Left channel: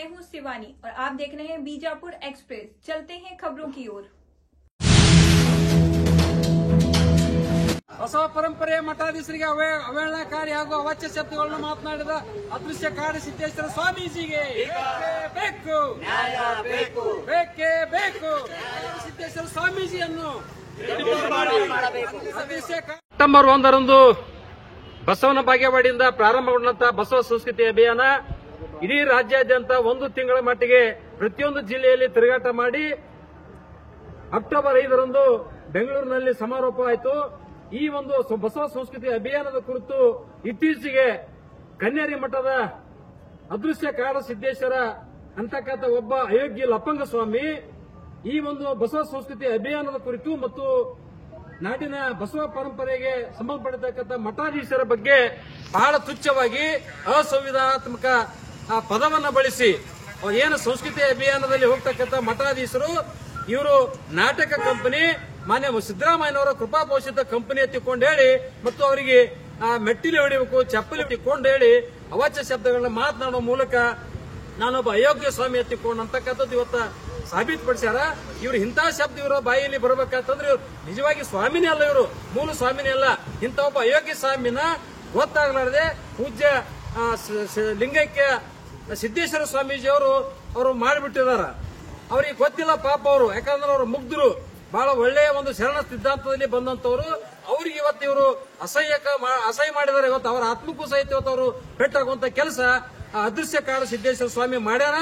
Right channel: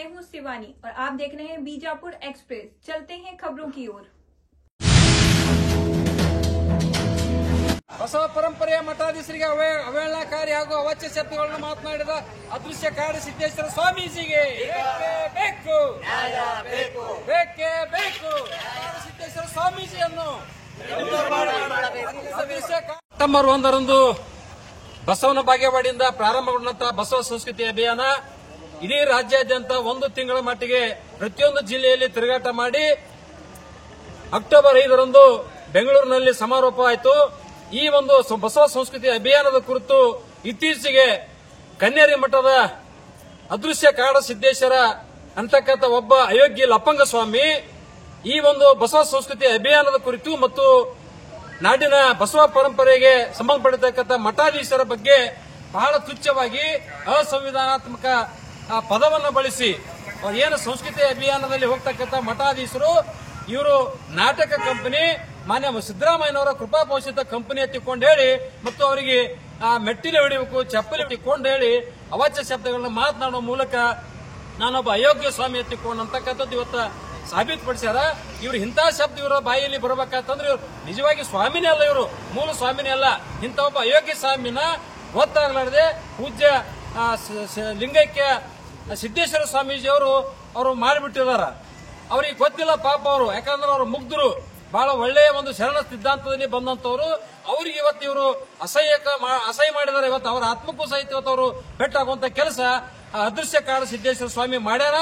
मैं हूं शिवानी और आप देख रहे हैं बीजापुर एक्सप्रेस। चलते हैं खबरों की ओर। ಬಸವ ಪರಂಪರೆಯ ಮಠಾಧೀಶರಿಗೆ ಅವಹೇಳನಕಾರಿ ಹಾಗೂ ಅವಾಚ್ಯ ಶಬ್ದಗಳನ್ನು ಮಾತನಾಡಿದ ಅದೃಶ್ಯ ಕಾಡು ಸಿದ್ದೇಶ್ವರ ಸ್ವಾಮೀಜಿಗೆ ಬೇಕು ಬೇಕೇ ಬೇಕು. ಕಾಡು ಸಿದ್ದೇಶ್ವರ ಸ್ವಾಮೀಜಿಯನ್ನು ಸೆಪ್ಟೆಂಬರ್ 1ರಂದು ಬಸವನ ಬಾಗೇವಾಡಿಯಿಂದ ಪ್ರಾರಂಭಗೊಂಡಂತಹ ಬಸವ ಸಂಸ್ಕೃತಿ ಅಭಿಯಾನ ಇಡೀ ರಾಜ್ಯಾದ್ಯಂತ 1 ತಿಂಗಳ ಮಟ್ಟಿಗೆ ಪ್ರತಿಯೊಂದು ಜಿಲ್ಲೆಯಲ್ಲಿ ತಿರುಗಾಟ ಮಾಡಿ ಅಕ್ಟೋಬರ್ 5ರಂದು ಬೆಂಗಳೂರಿನಲ್ಲಿ ಸಮಾರೋಪವಾಯಿತು. ಈ ಒಂದು ಬಸವ ಸಂಸ್ಕೃತಿ ಅಭಿಯಾನದ ಕುರಿತು ಇತ್ತೀಚೆಗೆ ಕನ್ನೇರಿ ಮಠದ ಅದೃಶ್ಯ ಕಾಡ ಸಿದ್ದೇಶ್ವರ ಅಂತಕ್ಕಂಥ ಒಬ್ಬ ಅಯೋಗ್ಯ ಲಪ್ಪಂಗ ಸ್ವಾಮಿ ಈ ಒಂದು ಬಸವ ಸಂಸ್ಕೃತಿ ಅಭಿಯಾನದ ಕುರಿತು ಮತ್ತು ನಾಡಿನ ಬಸವ ಪರಂಪರೆಗೆ ಸಂಬಂಧಪಟ್ಟಿರ್ತಕ್ಕಂಥ ಮಠಾಧೀಶರ ಬಗ್ಗೆ ಬಹಳ ತುಚ್ಛವಾಗಿ ಅಸಂವಿಧಾನಾತ್ಮಕ ಪದವನ್ನು ಬಳಸಿ ಏನು ಸಂಸ್ಕೃತಿ ಅಭಿಯಾನದಲ್ಲಿ ಹೋಗ್ತಕ್ಕಂಥ ಮಠಾಧೀಶರು ಇವರು ನಾಟಕ ಕಂಪನಿ ಮಾನ್ಯ ಸಿದ್ದರಾಮಯ್ಯನವರ ಕೃಪಾಪೋಷಿತ ಕಂಪನಿ ಎತ್ತಿಕೊಂಡು ಹೇಳಿ ಮತ್ತು ಅವರಿಗೆ ಮೆಟ್ಟಿಲು ಹೊಡಿಬೇಕು ಚಪ್ಪಲಿ ಎತ್ತಿಕೊಂಡು ಹೇಳಿ ಅವಾಚ್ಯ ಶಬ್ದಗಳನ್ನ ಮಾತನಾಡುವ ಮೂಲಕ ನಾನೊಬ್ಬ ಅಯೋಗ್ಯ ಸ್ವಾಮಿ ಎತ್ತಿಕೊಂಡು ಅಂತಕ್ಕಂಥದ್ದು ಇವತ್ತು ಸಾಬೀತುಪಡಿಸ್ಯಾರ. ಇವರು ಇಂಥ ಶಬ್ದ ಇವರ ಬಾಯಿಯಲ್ಲಿ ಬರಬೇಕಂತಂದ್ರೆ ಇವರು ನಿಜವಾಗಿ ಸ್ವಾಮಿನೇ ಅಲ್ಲ, ಇವರು ಮೂಲ ಸ್ವಾಮಿನೇ ಅಲ್ಲ. ಇಂಥ ಒಬ್ಬ ಅಯೋಗ್ಯ ಸ್ವಾಮಿನ ಗೊತ್ತಾಗಲಾರದೆ ಪೂಜ್ಯ ಲಿಂಗೈಕ್ಯ ಸಿದ್ದೇಶ್ವರ ಸ್ವಾಮೀಜಿ ಅವರು ಮಾಡಿಬಿಟ್ಟಿದಾರ. ಅವ್ರಿಗೆ ಗೊತ್ತಿಲ್ಲ ಪಾಪ ಅವರು, ಯಾಕಂದ್ರೆ ಅವರು ಮುಗ್ಧರು, ಬಹಳ ಒಳ್ಳೆಯ ಒಂದು ಶರಣ ಸಿದ್ಧಾಂತದಲ್ಲಿ ಬಂದಂತವರು. ಅವ್ರಿಗೆ ಇವತ್ತು ಇವರು ಅಸಹ್ಯ ಮಾಡಿದ್ದಾರೆ. ಇವತ್ತು ಅವರ ಆತ್ಮಕ್ಕೂ ಸಹಿತ ಇವತ್ತು ಅವರು ಪೆಟ್ಟಾಗುವಂತ ಕೆಲಸ ಅದೃಶ್ಯ ಕಾಡ ಸಿದ್ದೇಶ್ವರ ಸ್ವಾಮಿ ಮಾಡ್ಯಾರ.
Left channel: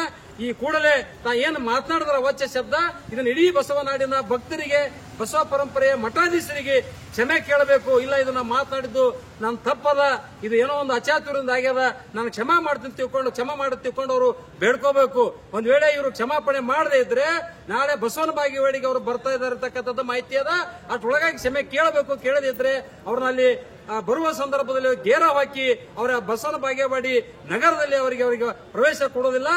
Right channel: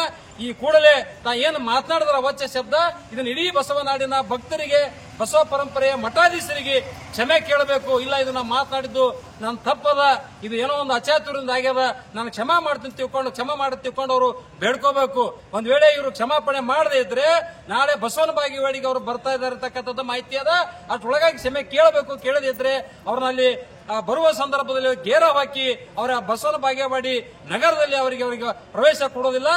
ಈ ಕೂಡಲೇ ತಾ ಏನು ಮಾತನಾಡಿದ್ರ ಅವಾಚ್ಯ ಶಬ್ದ ಇದನ್ನ ಇಡೀ ಬಸವನಾಡಿನ ಭಕ್ತರಿಗೆ ಬಸವ ಪರಂಪರೆಯ ಮಠಾಧೀಶರಿಗೆ ಕ್ಷಮೆ ಕೇಳಬೇಕು. ಇಲ್ಲ ಇದು ನಾ ಮಾತನಾಡಿದ್ದು ನನ್ನ ತಪ್ಪದ, ಇದು ಏನೋ ಒಂದು ಅಚಾತುರ್ಯದಿಂದ ಆಗ್ಯದ, ನಾನು ಕ್ಷಮಾ ಮಾಡ್ತೀನಿ ತಿಳ್ಕೊಂಡು ಅವರು ಬೇಡ್ಕೋಬೇಕು. ಒಂದ್ ವೇಳೆ ಇವರು ಕ್ಷಮಾಪಣೆ ಮಾಡದೇ ಇದ್ರೆ ನಾಳೆ ಬಸವನ ಬಾಗೇವಾಡಿಗೆ ಅವರು ಬರ್ತಾ ಇದ್ದಾರೆ ಅಂತಕ್ಕಂಥದ್ದು ಮಾಹಿತಿ ಅದ. ಅಷ್ಟೊಳಗಾಗಿ ಕ್ಷಮೆ ಕೇಳಬೇಕು. ಕೇಳದೇ ಇದ್ರೆ ಅವ್ರನ್ನಲ್ಲಿ ಬರುವ ಸಂದರ್ಭದಲ್ಲಿ ಗೇರ ಹಾಕಿ ಅವರ ಬಸವನ ಬಾಗೇವಾಡಿ ನಗರದಲ್ಲಿ ಅವರಿಗೆ ಪ್ರವೇಶ ಕೊಡೋದಿಲ್ಲ.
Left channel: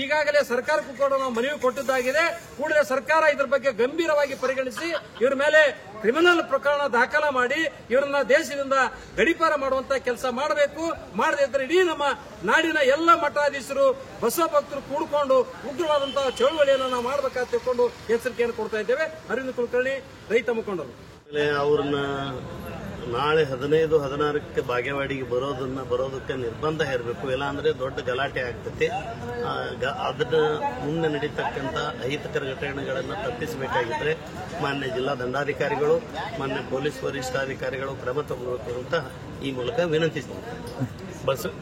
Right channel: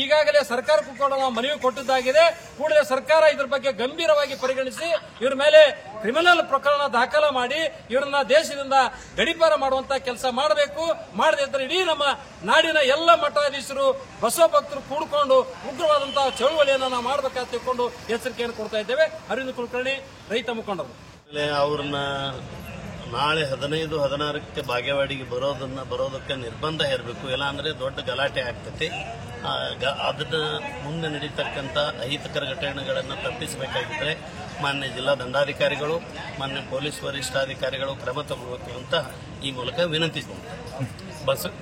ಈಗಾಗಲೇ ಸರ್ಕಾರಕ್ಕೂ ಕೂಡ ನಾವು ಮನವಿ ಕೊಟ್ಟಿದ್ದಾಗಿದೆ. ಕೂಡಲೇ ಸರ್ಕಾರ ಇದರ ಬಗ್ಗೆ ಗಂಭೀರವಾಗಿ ಪರಿಗಣಿಸಿ ಇವ್ರ ಮೇಲೆ ಕ್ರಿಮಿನಲ್ ಪ್ರಕರಣ ದಾಖಲ ಮಾಡಿ ಇವರನ್ನ ದೇಶದಿಂದ ಗಡೀಪಾರ ಮಾಡುವಂತ ಕೆಲಸ ಮಾಡಬೇಕು. ಮಾಡದೇ ಇದ್ರೆ ಇಡೀ ನಮ್ಮ ನಾಡಿನ ಎಲ್ಲ ಮಠಾಧೀಶರು ಬಸವ ಭಕ್ತರು ಕೂಡಿಕೊಂಡು ಉಗ್ರವಾದಂತಹ ಚಳುವಳಿಯನ್ನು ನಾವು ಮಾಡಬೇಕಂತ ತಿಳ್ಕೊಂಡು ಎಚ್ಚರಿಕೆಯನ್ನು ಕೊಡ್ತಾ ಇದ್ದೇವೆ. ಅರವಿಂದ್ ಕುಲಕರ್ಣಿ, ರೈತ ಮುಖಂಡರು. ಅವ್ರನ್ನ ನಾಳೆ 15, 16ಕ್ಕೆ ಬಾಗೇವಾಡಿಗೆ ಬರೋದಕ್ಕೆ ನಿರ್ಬಂಧ ಇರಬೇಕು. ಇಲ್ಲ ಅಂದ್ರೆ ದೊಡ್ಡ ಗಲಾಟೆ ಆಗ್ತೈತಿ. ಅದನ್ನ ಮುಂದೆ ನಡೀತಕ್ಕಂಥ ಅಹಿತಕರ ಘಟನೆಗಳನ್ನು ತಪ್ಪಿಸಬೇಕಾಗಿದ್ರೆ ಮಾನ್ಯ ಜಿಲ್ಲಾ ದಂಡಾಧಿಕಾರಿಗಳು, ಮಾನ್ಯ ಪೊಲೀಸ್ ವರಿಷ್ಠಾಧಿಕಾರಿಗಳು ಕ್ರಮ ತಗೊಳ್ಬೇಕು ಅಂತ ಈ ಮೂಲಕ ವಿನಂತಿಸಿದ್ದಾರೆ.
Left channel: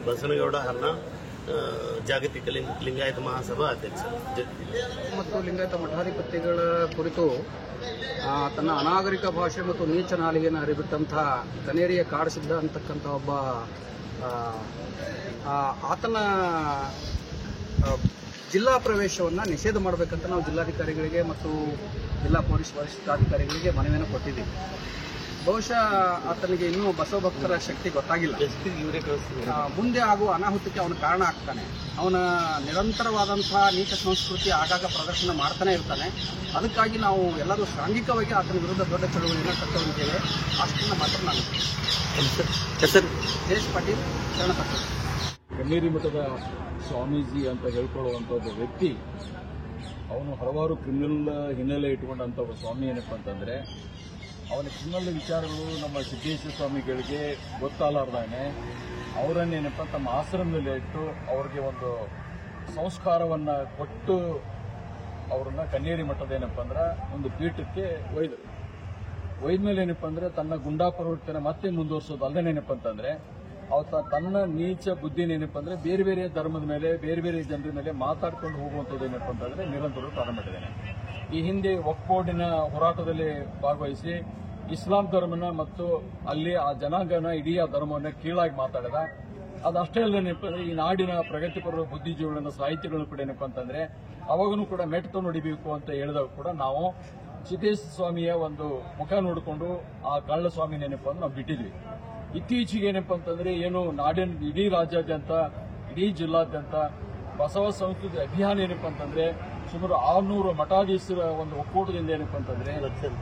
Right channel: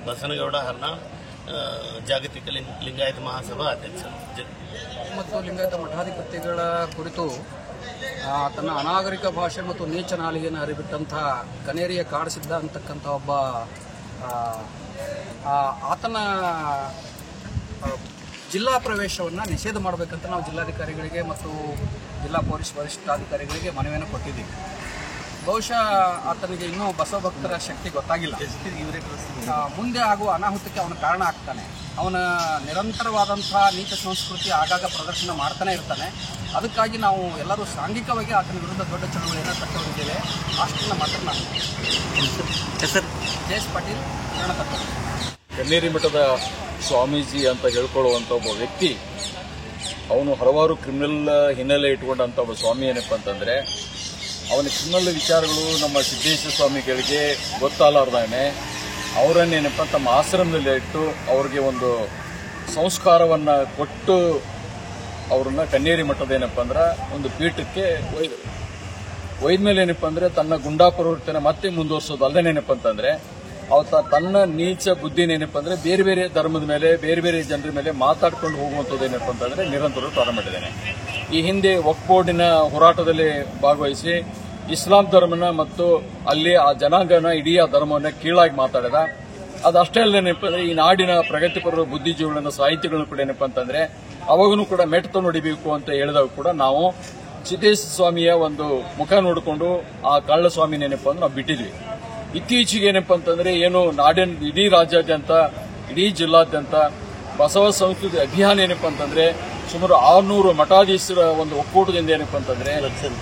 ಬಸನಗೌಡ ಹರ್ನಾಳ್, ಜಾಗತಿಕ ಲಿಂಗಾಯತ ಮಹಾಸಭಾ ಅಧ್ಯಕ್ಷರು. ಮತ್ತು ಲಿಂಗಾಯತ ಮಠಾಧಿಪತಿಗಳ ಕುರಿತು ತನ್ನ ಅನಾಗರಿಕ ಭಾಷೆ ಮತ್ತು ನೀಚ ನಾಲಿಗೆಯನ್ನು ಹರಿಬಿಟ್ಟಂತಹ ಕನೇರಿಯ ಕಾಡಸಿದ್ದ ಅಂತಕ್ಕಂಥ ಒಬ್ಬ ಆತನ ಜಿಲ್ಲಾ ಪ್ರವೇಶವನ್ನು ನಿಷೇಧ ಮಾಡಬೇಕಂತ ನಾವು ಜಿಲ್ಲಾಧಿಕಾರಿಗಳಿಗೆ ಮತ್ತು ಜಿಲ್ಲಾ ಪೊಲೀಸ್ ವರಿಷ್ಠಾಧಿಕಾರಿಗಳಿಗೆ ಮನವಿಯನ್ನು ಕೊಟ್ಟಿದ್ದೀವಿ. ಬಹುಶಃ ಆತನಿಗೆ ಇನ್ನೂ ಬಸವ ಭಕ್ತರ ಶಕ್ತಿ ಗೊತ್ತಾಗಿಲ್ಲ. ಮುಂದೆ ಆಗುವ ಅನಾಹುತಕ್ಕೆ ಅವನು ಕಾರಣ ಆಗ್ತಾನೆ. ಅವನ ನಿರಂತರವಾದಂತಹ ನೀಚ ಸಂಸ್ಕೃತಿ ಆಗಾಗ ಪ್ರದರ್ಶನ ಮಾಡ್ತಾನೆ ಇರ್ತಾನೆ. ಅದಕ್ಕಾಗಿ ನಾವು ಎಲ್ಲರೂ ಸಾಂಘಿಕವಾಗಿ ಆತನ ವಿರುದ್ಧ ದೊಡ್ಡ ಚಳುವಳಿಯನ್ನು ಕಟ್ಟಿಕೊಂಡಿದ್ದೇವೆ. ಅಷ್ಟನ್ನ ಮಾತ್ರ ನಾನು ಜಯೇಶ್ ಪಾಟೀಲ್, ಶರಣ ತತ್ವ. ಕನ್ನೇರಿ ಮಠದ ಸ್ವಾಮೀಜಿ ಅಂತ ಹೇಳ್ಕೊಳ್ಳುವಂಥ ಒಬ್ಬ ವ್ಯಕ್ತಿ, ಅವನು ಹಲವಾರು ಕ್ರಿಮಿನಲ್ ಹಿನ್ನೆಲೆ ಇಟ್ಕೊಂಡಂಥ ಒಬ್ಬ ಸ್ವಾಮಿ. ಏನಪ್ಪ ಅಂತಂದರೆ ಅವನ ಕ್ರಿಮಿನಲ್ ವಿಚಾರಗಳು ನಮ್ಮ ಸಿದ್ದೇಶ್ವರ ಸ್ವಾಮಿಗಳಿಗೆ ಗೊತ್ತಾಗಲಾರ್ದಾನೆ ಅವರನ್ನೇನಪ್ಪ ತಮ್ಮ ಆಶ್ರಮದಲ್ಲಿ ಇಟ್ಟು ಅವ್ರಿಗೆ ಒಂದು ಸಂಸ್ಕಾರವನ್ನು ಕೊಟ್ಟು ಅವ್ರನ್ನ ಕನ್ನೇರಿ ಮಠದ ಏನಪ್ಪ ಅಂದ್ರೆ ಒಂದು ಪೀಠಕ್ಕೆ ಒಯ್ದ ಮೇಲೆ ಏನಪ್ಪ ಅಂದರೆ ತನ್ನ ಗುಂಡಾ ಪ್ರವೃತ್ತಿನ ಮತ್ತೆ ಮುಂದುವರಿಸೋದು ಅಲ್ಲದೇನೇನಪ್ಪ ಅಂತಂದರೆ ಅವತ್ತ ತನ್ನ ನೀಚ ಬುದ್ಧಿನೇನಪ್ಪ ಅಂದರೆ ಬೇರೆ ಬೇರೆ ಧರ್ಮದ ಮೇಲೆ ಬೇರೆ ಬೇರೆ ಜನರ ಮೇಲೆ ಮಾತಾಡ್ಕೊಂಡು ಹೋಗುವಂಥದ್ದು ಏನಪ್ಪ ಅಂತಂದರೆ ನಿರಂತರ ಪ್ರಾರಂಭ ಮಾಡಿದ್ದಾನೆ. ಈ ಹಿಂದೆ ವಕ್ಫ್ ಬೋರ್ಡಿನ ಹೋರಾಟದಲ್ಲಿ ಭಾಗವಹಿಸಿ ಇಸ್ಲಾಂ ಧರ್ಮನ ಮತ್ತು ಅಲ್ಲಿ ಆ ಜನಾಂಗನ ಇಡೀ ಆ ಧರ್ಮವನ್ನು ಕೀಳಾಗಿ ಮಾತಾಡಿದ. ಅದಷ್ಟೇ ಅಲ್ಲೇನಪ್ಪ ಅಂದರೆ ಈ ನಾಡಿನ ಪ್ರಗತಿಪರ ಬುದ್ಧಿಜೀವಿಗಳನ್ನ ಸಾಹಿತಿಗಳನ್ನು ಕೂಡ ಏನಪ್ಪ ಅಂತಂದರೆ ಅವಾಗೂ ಕೂಡ ಮೆಟ್ಟ ನೋಡಿಬೇಕು ಅಂತ ಹೇಳಿದಾಗ ಕೂಡ ನಾವು ಸಿದ್ದೇಶ್ವರ ಸ್ವಾಮಿಯ ಒಂದು ಮುಖ ನೋಡಿಕೊಂಡು ಆ ಕಳ್ಳ ಸ್ವಾಮಿನೇನಪ್ಪ ಅಂದ್ರೆ ನಾವು ಬಿಟ್ಟಿದ್ವಿ. ಇತ್ತೀಚೆಗೆ ಏನಪ್ಪ ಅಂತಂದರೆ ಏನು ನಾಡಿನ ಇಡೀ ರಾಜ್ಯಾದ್ಯಂತ ಇಡೀ ಜಿಲ್ಲಾದ್ಯಂತ ಬಸವ ಸಂಸ್ಕೃತಿ ಅಭಿಯಾನ ಏನಪ್ಪ ಅಂತಂದರೆ ಸುಮಾರು 600 ಮಠಾಧೀಶರ ಒಂದು ಒಕ್ಕೂಟದಿಂದ ಏನಪ್ಪ ಅಂತಂದರೆ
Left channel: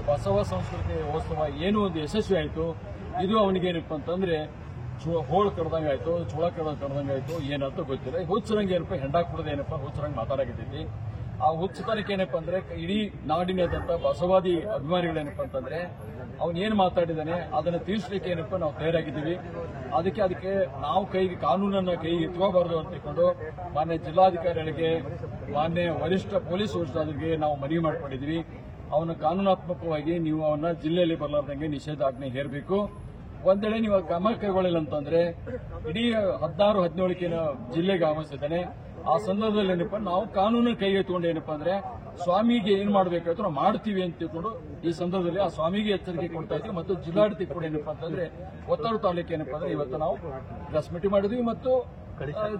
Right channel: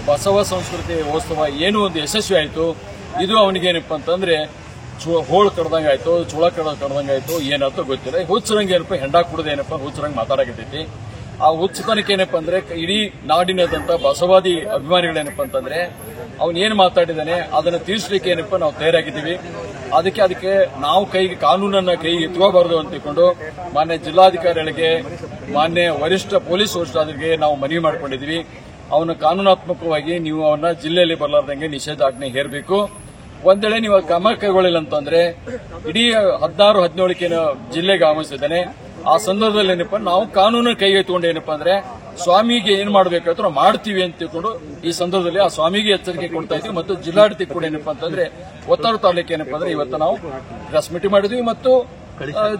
ಬಸವ ಸಂಸ್ಕೃತಿ ಉತ್ಸವ ಏನು ಒಂದು ಯಶಸ್ವಿ ಆಯಿತು. ಇದು ಅವನಿಗೇನಪ್ಪ ಅಂತಂದರೆ ಹೋಳು ಕಡ್ದಂಗೆ ಆಯ್ತು, ಚುಳ ಕಡ್ದಂಗೆ ಆಯ್ತು, ಏನಾಯ್ತು ಗೊತ್ತಿಲ್ಲ. ಹುಚ್ಚರಂಗೆ ಏನಪ್ಪ ಹೆಂಡ ಕುಡ್ದು ಏನಪ್ಪ ಹುಚ್ಚರಂಗೆ ಮಾತಾಡಕತ್ತೈತಿ. ಆ ಹುಚ್ಚತನಕ್ಕೆ ಏನಪ್ಪ ಅಂದ್ರೆ ಇಡೀ ನಾಡಿನದಂತ ಬಸವಾದಿ ಅಭಿಮಾನಿಗಳೇನಪ್ಪ ಅಂತಂದ್ರೆ ಅವನ್ ಏನ್ ಮಾತಾಡಿದಾನೆ ಅದನ್ನ ತಿಳಿಸ್ಲಿಕ್ಕೆ ಏನಪ್ಪ ನಾವು ತಯಾರಾಗಿದ್ದೀವಿ. ಅದಕ್ಕೆ ನಾವು ಕಾನೂನನ್ನ ಕೈಗೆ ಎತ್ಕೋಬಾರದು ಅಂತ ತಿಳ್ಕೊಂಡು ಮಾನ್ಯ ಜಿಲ್ಲಾಧಿಕಾರಿಗಳಿಗೆ, ಮಾನ್ಯ ವರಿಷ್ಠ ಪೊಲೀಸ್ ವರಿಷ್ಠರಿಗೆ ನಾವು ಮನವಿ ಮಾಡಿಕೊಂಡಿದ್ದೀವಿ. ಅವನ ಕಾನೂನಾತ್ಮಕವಾಗಿ ನೀವು ಅವನ್ನ ಜಿಲ್ಲೆಯಲ್ಲಿ ಬರಲಾರ್ದಂಗೆ ನಿಷೇಧಾಜ್ಞೆ ಹೇರಬೇಕು. ಒಂದ್ ವೇಳೆ ನೀವು ಕ್ರಮ ಕೈಗೊಳ್ಳಿಲ್ಲ ಅಂತಂದ್ರೆ ಇಡೀ 16-17 ಜಿಲ್ಲೆಗೆ ಆಗಮಿಸಿದ್ದಾನೆ. ಆ ಸಂದರ್ಭದಲ್ಲಿ ಏನಪ್ಪ ನಾವು ಕಾನೂನು ಕೈಗೆ ಎತ್ಕೊಂಡು ಏನಪ್ಪಾ ಅಂದ್ರೆ ಸ್ವಾಮಿಗೆ ಏನ್ ಮಾಡಬೇಕಾದ್ರೂ ನಾವು ಮಾಡ್ತೀವಿ ಅಂತ ತಿಳ್ಕೊಂಡು ಈ ಸಂದರ್ಭದಲ್ಲಿ ಆ ಸ್ವಾಮಿಗೆ ಎಚ್ಚರಿಕೆ ಕೊಡ್ತಾ ಇದ್ದೀವಿ. ಮತ್ತು ಜಿಲ್ಲಾಡಳಿತ ಕೂಡ ಏನಪ್ಪಾ ಅಂತಂದ್ರೆ ಒತ್ತಡ ತಾಲೂಕು ಏನಪ್ಪಾ ಅಂದ್ರೆ ಇವತ್ತು ನಾವು ಪ್ರೆಸ್ ಮೀಟಿಂಗ್ ಮಾಡಿದ್ವಿ ಮತ್ತು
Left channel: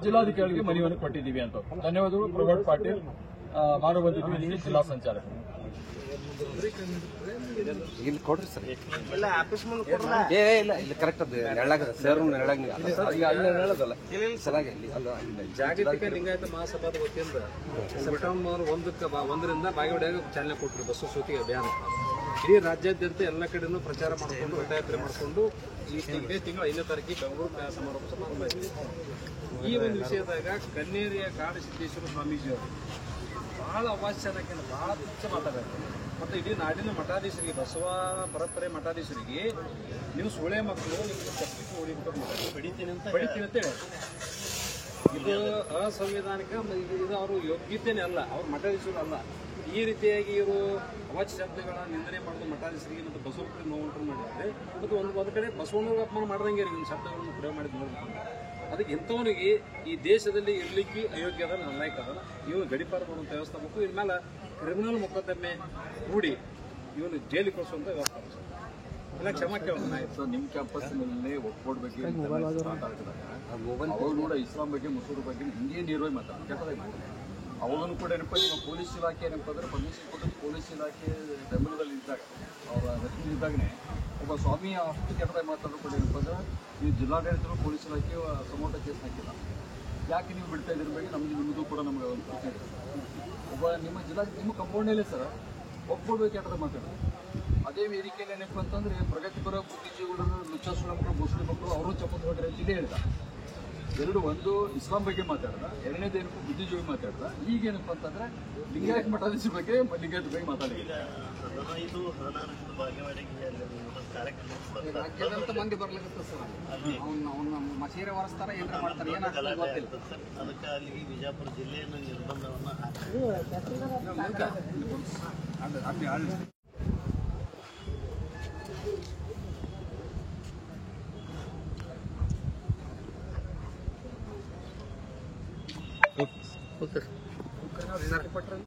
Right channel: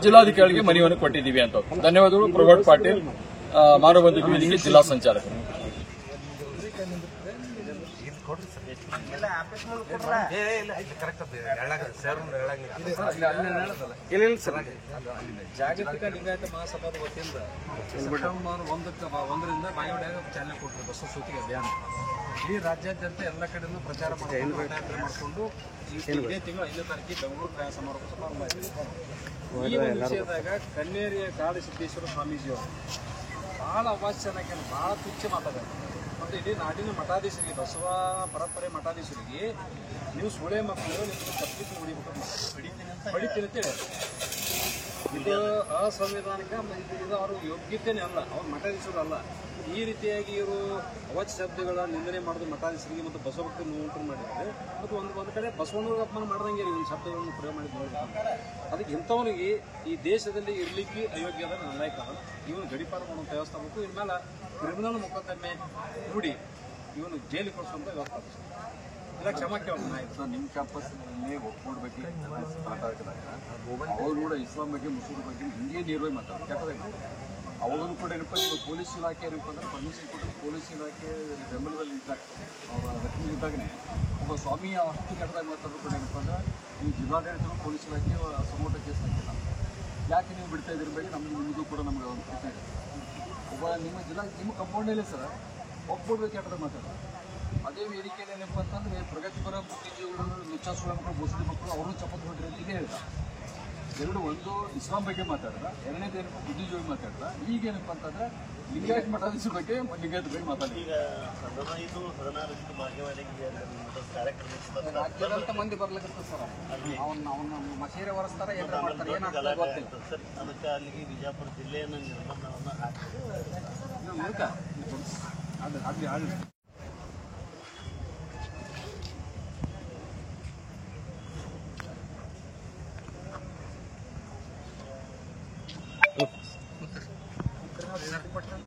ಜಿಲ್ಲಾಧಿಕಾರಿಗೆ ಮನವಿಯನ್ನು ಕೊಟ್ಟಿದ್ದೀವಿ ಅಂತ. ಧನ್ಯವಾದಗಳು. ಪ್ರಭಾಟ್ ಪಾಟೀಲ್, ಮಾನವ ಬಂಧು ವೇದಿಕೆ ಜಿಲ್ಲಾ ಸಂಚಾಲಕರು. ಜಾಗತಿಕ ಲಿಂಗಾಯತ ಮಹಾಸಭಾದ ವತಿಯಿಂದ ಸೆಪ್ಟೆಂಬರ್ 1ರಿಂದ ಬಾಗೇವಾಡಿಯಾಗ ಚಾಲನೆ ಕೊಟ್ಟರು ಬಸವ ಸೂತಿಗೆ ಅಭಿಯಾನ. ಇಡೀ ರಾಜ್ಯಾದ್ಯಂತ ಎಲ್ಲ ಕಡೆನೂ ಪ್ರಚಾರ ಮಾಡಿಕೊಂಡು ದಂಡಯಾತ್ರೆ ಮಾಡಿಕೊಂಡು ಇದೇ ತಿಂಗಳು 5ನೇ ತಾರೀಕಿಗೆ ಬೆಂಗಳೂರು ಸಮಾರೋಪ ಸಮಾರಂಭ ಆಯಿತು. ಈ ಒಂದು ವಿಷಯದಾಗ ಕನ್ನೇರಿಯ ಕಾಡಸಿದ್ದೇಶ್ವರ ಸ್ವಾಮೀಜಿಯವರು ಬಹಳ ಅವಾಚ್ಯನಾಗಿ ಬಹಳ ತುಚ್ಛ ಮಾತಾಡ್ತಾರೆ. ಮತ್ತು ಇಡೀ ನಾಡಿನ ಮಠಾಧೀಶರಿಗೆ, ಬಸವ ಪರಂಪರೆ ಮಠಾಧೀಶರಿಗೆ ನೀವು ಸೂಳೆ ಮಕ್ಕಳು ನಿಮ್ಮನ್ನು ತಪ್ಪಿಸಿ ಹೊಡಿಬೇಕು ಬಡಿತೀನಿ ಅಂತ ಹೇಳಿ ಇದು ಅಸಂವಿಧಾನಿಕ. ಇದು ಅವ್ರ ಯೋಗ್ಯತೆನೇ ಅಲ್ಲ, ಅವ್ರ ಮಠಾಧೀಶರು ಅಲ್ಲ. ಈ ರೀತಿಯಾಗಿ ಇವರು ಅವಾಚ್ಯ ಶಬ್ದಗಳ ನಿಂದನೆ ಮಾಡೋದು ಮಠಾಧೀಶರಿಗೆ ಮತ್ತು ಬಸವಕ್ಕೆ ನೋವುಂಟು ಮಾಡಿದ್ದಾರೆ. ಮತ್ತು ಒಂದು ಕಡೆ ಬಸವಣ್ಣವ್ರಿಗೆ ಅಪಮಾನ ಮಾಡ್ದಂಗೆ ಈ ಶಬ್ದಗಳನ್ನು ಪ್ರಯೋಗ ಮಾಡಿದ್ದು ನೋಡ್ಬೇಕಂತ. ಅದಕ್ಕೆ ಇಂಥವನಿಗೆ ಈ ದೇಶದಲ್ಲಿ ಇರ್ಲಿಕ್ಕೆ ಅಯೋಗ್ಯ ಅದ, ನಾಯಕ ಅದನ್ನ ಇವನು ಗಡಿಪಾರು ಮಾಡುವಂಥ ವ್ಯವಸ್ಥೆ ಬೇಕು. ಇನ್ಮೇಲೆ ಕ್ರಿಮಿನಲ್ ಮೊಕದ್ದಮೆ ಹೂಡಿ ಇವನು ಜೈಲಿಗೆ ಕಳಿಸುವಂತ ವ್ಯವಸ್ಥೆ ಇಲ್ಲ. ಕ್ಷಮ ಕೇಳ್ಬೇಕು. ನಿಮ್ಮ ಕ್ಯಾಂಪಸ್ನಲ್ಲಿ ಒಕ್ಬೋರ್ಡ್ ಬಗ್ಗೆ ಸ್ಟಾರ್ಟ್ ಆಗಿದಾಗ ಅವಾಗ ಕೂಡ ಇಸ್ಲಾಂ ಬಗ್ಗೆ, ಮುಸ್ಲಿಂ ಬಗ್ಗೆ ಹಿಂಗೆ ನೇರವಾಗಿ ಮಾತಾಡ್ತಾರೆ. ಅವಾಗೂ ಕೂಡ ಏನಪ್ಪ ನಿಮ್ಮ ಪೊಲೀಸ್ ಇಲಾಖೆ ಏನಪ್ಪ ಅಂದ್ರೆ ಪರ್ಮಿಷನ್ ಕೊಟ್ಟು ಪೊಲೀಸ್ ಇಲಾಖೆ ಬೆಂಬಲದಲ್ಲಿ ಇದ್ದಾಗ ಅವರ ರಕ್ಷಣೆಯಿದ್ದಾಗನೇ ಒಬ್ಬ ಸ್ವಾಮಿಯ ಅಷ್ಟು ಕೆಟ್ಟದಾಗಿ ಮಾತಾಡೋದು ಕೂಡ ಏನಪ್ಪ ಅಂದ್ರೆ ನೀವು ಜಿಲ್ಲಾಡಳಿತರು ಪೊಲೀಸ್ ಇಲಾಖೆ ಸಮೋಟ ಕೇಸ್ ಹಾಕಿಲ್ಲ. ಯಾಕೆ ನೀವು ಬಿಡ್ತಾ ಇದ್ರ ಬಗ್ಗೆ ನಿಮ್ಮದು ಕೂಡ ನಮಗೆ ಒಂದು ಪ್ರಶ್ನೆ ಇದೆ. ಒಬ್ಬ ನಿಮ್ಮ ಕಂಪೌಂಡಲ್ಲೇ ಸರ್ ಒಪ್ಕೊಳ್ಬೇಕು ಕೆಟ್ಟದಾಗ ಮಾತಾಡೋದು. ಅದೇ ವೇದಿಕೆಯಲ್ಲಿ ಏನಪ್ಪ ಅಂತಂದ್ರೆ ಪ್ರಗತಿಪರ ಬುದ್ಧಿಜೀವಿಗಳು, ಲುಚ್ಚಾಸುಳ ಮಕ್ಕಳು, ಮುಸ್ಲಿಂ ಮಕ್ಕಳು ಅವರು ಚಪ್ಪತ್ತು ಹೊಡ್ರಿ ಅಂತ ಇದೇ ಹೇಳ್ದ. ಒಂದು ಇಸ್ಲಾಂ ಬಗ್ಗೆ ಮಾತಾಡ್ದ, ಎರಡನೇದೇನಪ್ಪ ಬುದ್ಧಿಜೀವಿ ಮಾತಾಡ್ದ. ಈಗೇನಪ್ಪ ಅಂತಂದ್ರೆ ಲಿಂಗಾಯತ್ ಮಠಾಧೀಶ ಬಗ್ಗೆ ಲಿಂಗಾಯತ್ ಬಗ್ಗೆ ಮಾತಾಡಿ. ಈಗ 15-16 ಬಾಗೇವಾಡಿಗೆ ರಾಜ್ಯದಂತ ಮಂದಿ ಬರ್ಲಿಕ್ಕೆ ಸರ್ ಅವನ್ನ ಮಸೀರೆ ಹೊರಸ್ತಾರ ಏನಾರ ಮಾಡ್ತಾರೆ, ಏನಾಗ್ತದೆ ಗೊತ್ತಿಲ್ಲ ಸರ್. ಅದಕ್ಕೆ ಅಲ್ಲಿಗೆ ವಿಜಯಪುರ ಜಿಲ್ಲೆಯನ್ನು ನಿರ್ಬಂಧವನ್ನು ಹಾಕಿ